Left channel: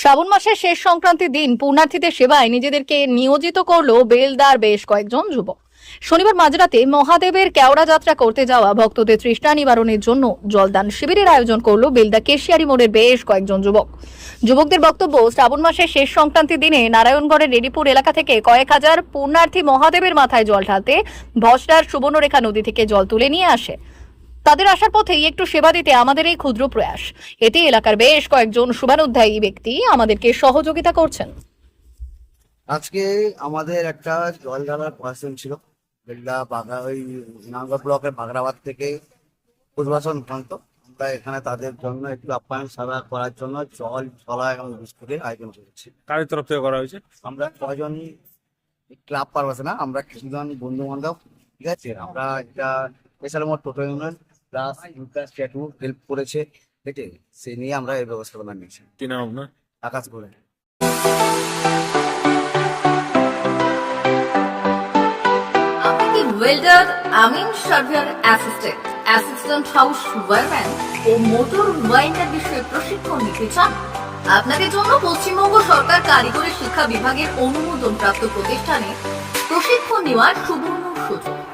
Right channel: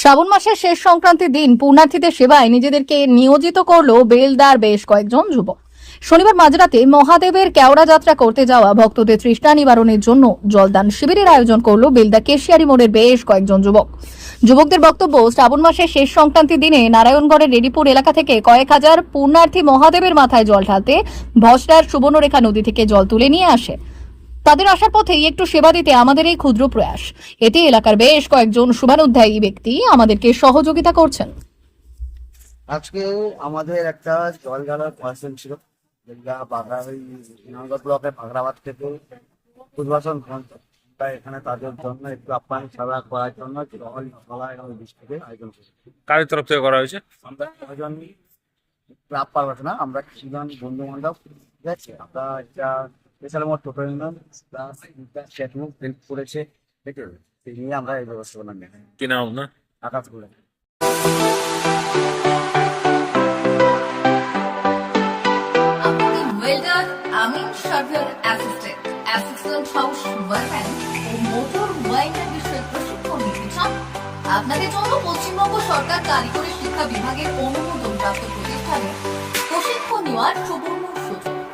শ্রাবণ মাসের শেষ সংক্রান্তির দিন পুণ্যার্থীদের সেবায় নিজেদেরকে নিয়োজিত করল বেলদার বেশ কয়েকজন যুবক। শনিবার মাঝরাতে মহাদেবের কেওড়া যাত্রা করতে যাওয়া ভক্তদের তৃষ্ণা নিবারণের জন্য জলদান শিবিরের আয়োজন করল বেলদা কেশিয়ারি মোড়ের বেশ কয়েকজন যুবক। যুবকদের বক্তব্য, শ্রাবণ মাসের শেষ সংক্রান্তির দিনে নারায়ণগড়ের রেডিপুর এলাকা থেকে কয়েক হাজার পুণ্যার্থী মহাদেবের মাথায় জল ঢালতে ভসরার সুবর্ণরেখা নদী থেকে জল তুলে নিয়ে আসে। তাদের আসার পথেই একটু সেবা দিতে আমাদের এই ক্ষুদ্র প্রয়াস। এতে এলাকার বেশ কয়েকজন শুভানুধ্যায়ী ব্যক্তি আমাদেরকে সহযোগিতা করছেন। আজকে আমাদের একটা জল ঢালার পার্সেল ছিল যেটা বাগা ওই নাঙ্গল ব্লকের বাগরাবাদ থেকে উদ্বাসন প্রান্ত আমরা এখানে তাদের জন্য একটু আপ্যায়ন সেবা করার জন্য জল ছলা এবং বিস্কুটের আয়োজন করেছি। কারের তরফ থেকে করা হয়েছে? আমরা কজন ক্লাব পারবাসে না আমরা কিছুজন বন্ধু বান্ধব ঠিক আছে? আমরা একটা স্পেশাল মোট টোটো ইউনিয়ন প্লাস স্ট্যাটু হেল্প করেছে। ঠিক সেই নিয়ে আমরা এই ব্যবস্থাপনা নিয়েছি। কি নাম আপনার? আকাশ আপনি ওয়েল্ডার আমিন surveyor assistant assistant house wireman ও মোটর ওয়াইন্ডার বিষয়ে প্রশিক্ষণ নিতে চান? আপনাদের জন্য পশ্চিমবঙ্গ সরকার কারিগরি শিক্ষা বিভাগের অনুমোদন প্রাপ্ত প্রতিষ্ঠানে প্রশিক্ষণ নেওয়ার সুবর্ণ সুযোগ।